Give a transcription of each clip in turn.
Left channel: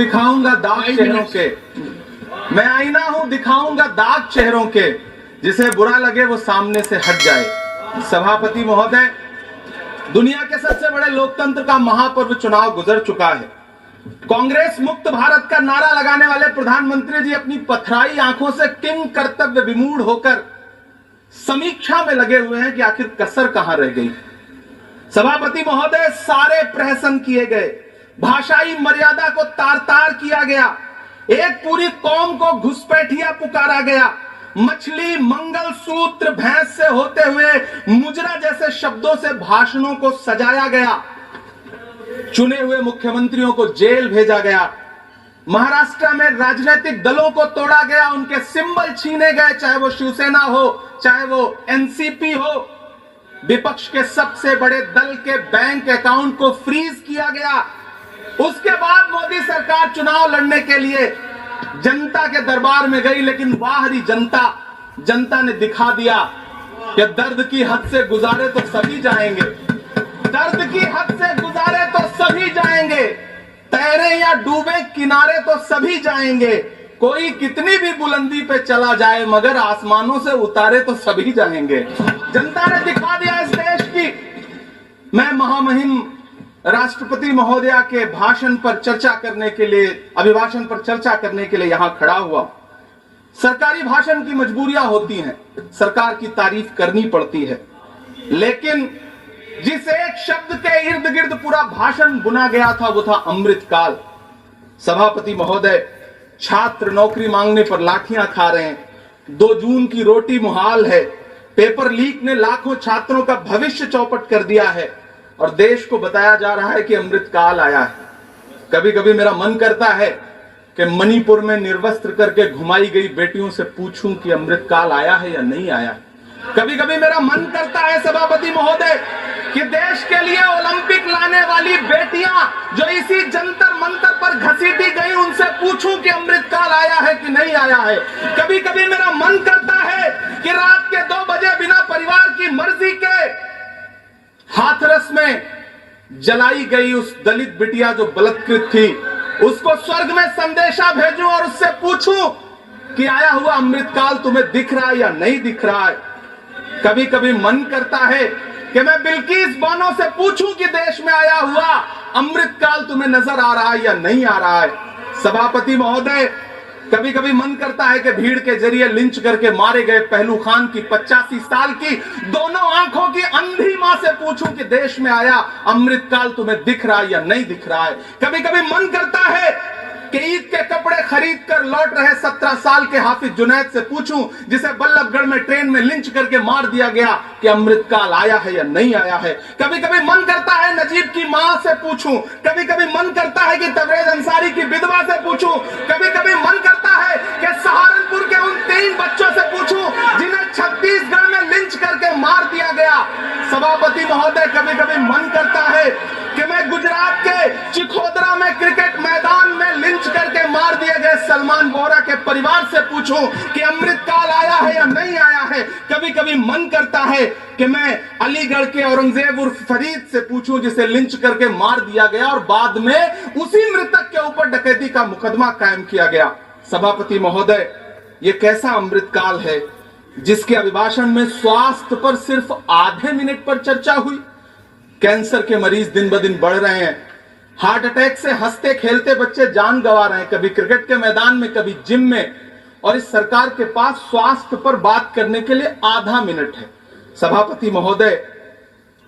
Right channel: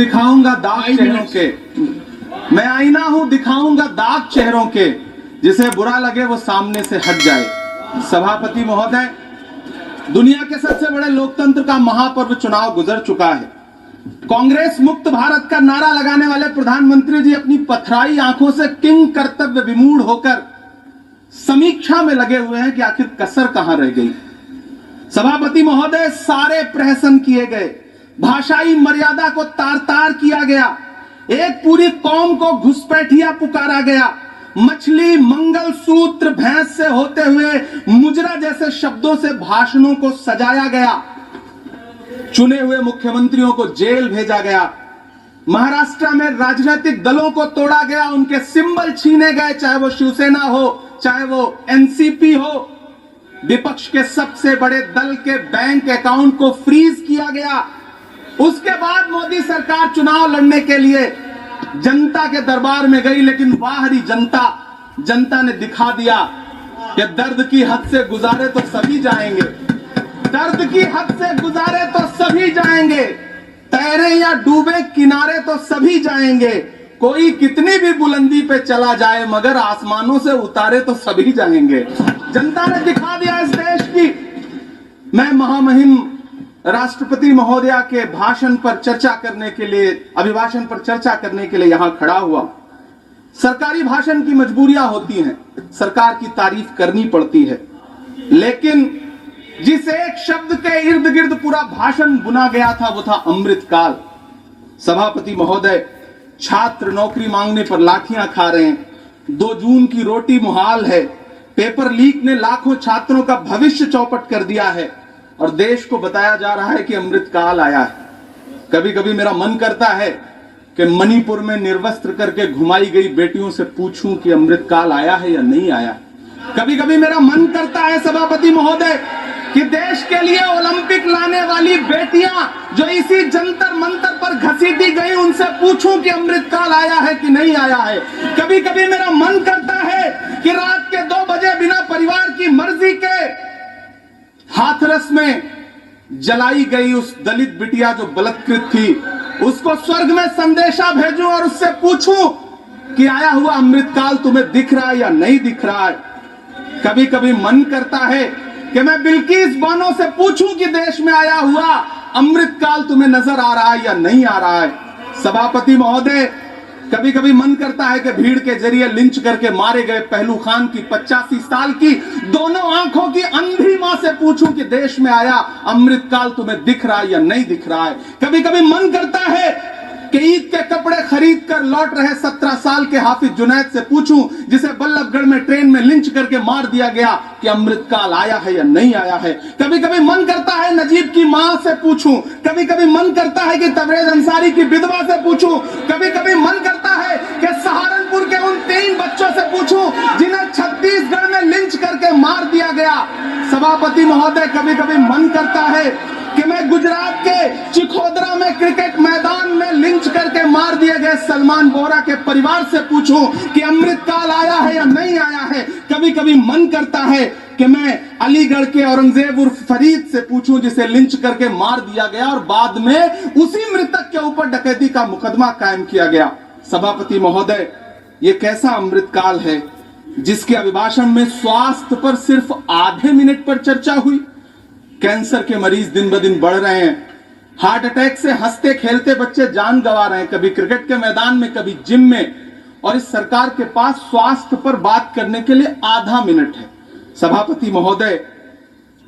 दिखाऊंगा दाग चेहरों के, मैं आईना हूं दिखाऊंगा दाग चेहरों के, जिसे बुरा लगे वो सामने से हट जाए। सभापति महोदय, दुनिया के सबसे बड़े लोकतंत्र का महापर्व चुनाव गुजर चुका है। कांग्रेस मुक्त भारत का नारा लगाने वाले प्रधानमंत्री जी अपनी पथराई आंखों से किंग कर्तव्य विमूढ़ होकर समीक्षा में लगे हुए हैं कि आखिर कसर कहां रह गई। सभापति महोदय, सारे प्रहसन किए गए, भाषाई मर्यादा को तार तार किया गया, एक पूरी कौम को घुसपैठिया पुकारा गया, मछली मंगल सूत्र भैंस से होते हुए मुजरा जैसे शब्दों से भाषणों को सजाया गया, चुने हुए मुख्यमंत्रियों को जेल भेजा गया, महाराष्ट्र में राजनीतिक दलों को तोड़ा गया, उनके सिंबल छीने गए, चाहे वो शिवसेना हो चाहे वो एनसीपी हो, विपक्ष के सबसे बड़े दल के बैंक अकाउंट को फ्रीज किया गया। उसके बाद मोदी सरकार चुनाव लड़ने के लिए जनता के दरबार में गई, लेकिन बाहरी जनता ने दिखा दिया कि दर्द की हद से गुजारे तो सभी जाएंगे, दर्द की हद से गुजारे तो सभी जाएंगे, तैरे या डूबे किनारे तो सभी जाएंगे, कोई कितनी भी बुलंदी पे चला जाए मगर आसमानों से उतारे तो सभी जाएंगे। जनता ने दिखा दिया इस देश की। मैं महामहिम राष्ट्रपति महोदया के भाषण पर चर्चा करने के लिए, अभिभाषण पर चर्चा करने के लिए यहां खड़ा हुआ। सरकारी भाषण की मजबूरियां होती हैं, सरकार की तारीफ करनी पड़ती है, लेकिन जिस एक शब्द के इर्द गिर्द पूरा भाषण बुना गया था वो था अमृतकाल। सभापति महोदय, छात्र नौकरी मांगने पर लाठियां खा रहे हैं, 2 जून की रोटी मुहाल है, पेपर लीक ने लाखों छात्रों का भविष्य चौपट कर दिया है और देश को बताया जा रहा है कि अमृतकाल आया है। कभी कभी मेरा मन करता है कि मणिपुर में निर्वस्त्र करके घुमाई गई बेटियों से पूछूं कि अमृतकाल आया है या नहीं आया। कभी कभी मेरा मन करता है सभापति महोदय कि देश के लिए ओलंपिक लाने वाली बेटियां जो इसी जंतर मंतर पर घसीटी गई, उनसे पूछूं कि अमृतकाल आया है कि नहीं आया है। कभी कभी मेरा मन करता है कि रात के 2 बजे बिना परिवार की मर्जी के हाथरस में जलाई गई उस दलित बिटिया जो बलात्कृत थी, उसको स्वर्ग में संदेशा भेजूं और उससे पूछूं कि आया हुआ अमृतकाल तुम्हें दिख रहा है या नहीं दिख रहा है। कभी कभी मन करता है कि मैं बिल्किस बानो से पूछूं कि देश में आया हुआ अमृतकाल तुम्हें नजर आ रहा है या नहीं आ रहा है। सभापति महोदय, कभी कभी मन करता है कि भीड़ के जरिए लिंच करके मारे गए पहलू खान की 85 साल की दोनों आंखों की अंधी मां से पूछूं कि देश में आया अमृतकाल तुम्हें दिख रहा है या नहीं दिख रहा है। कभी कभी मन करता है कि ईद के कपड़े खरीद कर लौट रहे 17 साल के हाफिज जुनैद से पूछूं, जिसे बल्लभगढ़ में ट्रेन में लिंच करके मार दिया गया, कि अमृतकाल आया है या नहीं आया है। कभी कभी मन करता है नजीब की मां से पूछूं, कभी कभी मन करता है कि तबरेज अंसारी की विधवा से पूछूं, कभी कभी मन करता है कि सहारनपुर के उन 3 बच्चों से पूछूं जिन्हें छत्तीसगढ़ में लिंच करके मार दिया गया। सभापति महोदय, कभी कभी मन करता है कि मैं गुजरात के चिखोदरा में क्रिकेट मैदान में लिंच करके मार दिए गए सलमान बोरा के परिवार से पूछूं कि अमृतकाल आया है या नहीं आया है। कभी कभी मन करता है कि मैं अलीगढ़ के औरंगजेब उर्फ फरीद से पूछूं जिसे लिंच करके मार दिया गया और बाद में उसी मृतक के ऊपर डकैती का मुकदमा कायम किया गया। सभापति महोदय, ये कैसा अमृतकाल है जिसके अभिभाषण में स्वास्थ्य पर सिर्फ आधे मिनट पर चर्चा हुई। कैंसर के मरीज दिन ब दिन बढ़ रहे हैं, हार्ट अटैक से हंसते खेलते बच्चे जान गंवा रहे हैं, कभी क्रिकेट के मैदान में कभी जिम में, और इस सरकार के पास स्वास्थ्य पर बात करने के लिए आधा मिनट है। सभापति महोदय,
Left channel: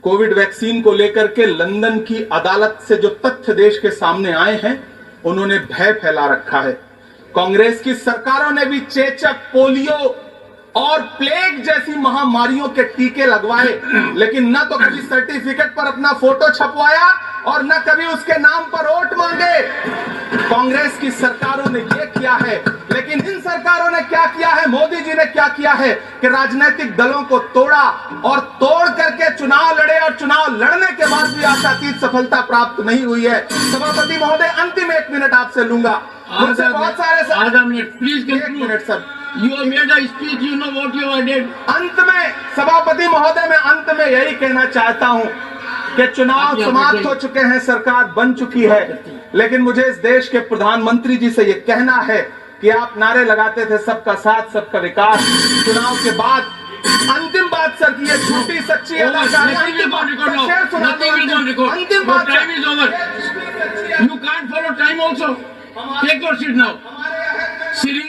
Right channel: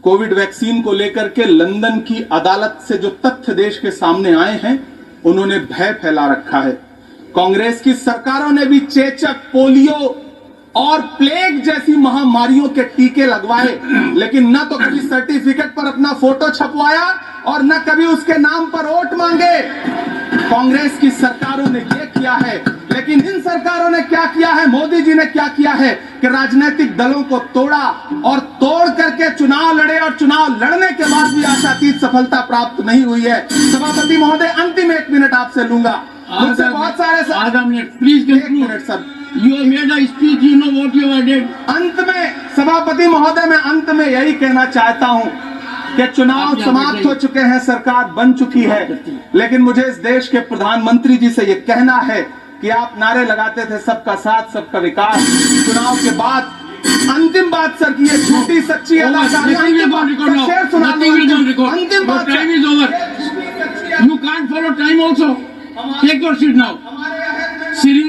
कोविड वैक्सीन को लेकर के लंदन की अदालत से जो तथ्य देश के सामने आए हैं, उन्होंने भय फैला रखा है। कांग्रेस की सरकारों ने भी चेचक, पोलियो और प्लेग जैसी महामारियों के टीके लगवाए, लेकिन न तो कभी सर्टिफिकेट पर अपना फोटो छपवाया और न कभी उसके नाम पर वोट मांगे। कांग्रेस की सरकारों ने ये किया है, लेकिन इन सरकारों ने क्या किया है, मोदी जी ने क्या किया है कि राजनीतिक दलों को तोड़ा और तोड़ करके चुनाव लड़े, और चुनाव लड़ने के बाद भी आशातीत सफलता प्राप्त नहीं हुई है। सभापति महोदय, अंतिम 1 मिनट आपसे लूंगा, मुझसे बहुत सारे आधा minute please. 1 minute sir, You have made a speech, you know what you have did. अंत में सभापति महोदय, मैं अंत में यही कहना चाहता हूं कि चुनाव समाप्त हो चुके हैं, सरकार बन चुकी है, लेकिन मुझे इस देश के प्रधानमंत्री जी से यह कहना है कि आप नारे लगाते थे सबका साथ सबका विकास। चुनाव के बाद अंतिम बात सर की ये झूठी सच्ची अदाकारी। Nothing will go on record now. शेर सुना Nothing will go on record. अंतिम Your बात time is over. You can't follow time also. Take your seat now. Siri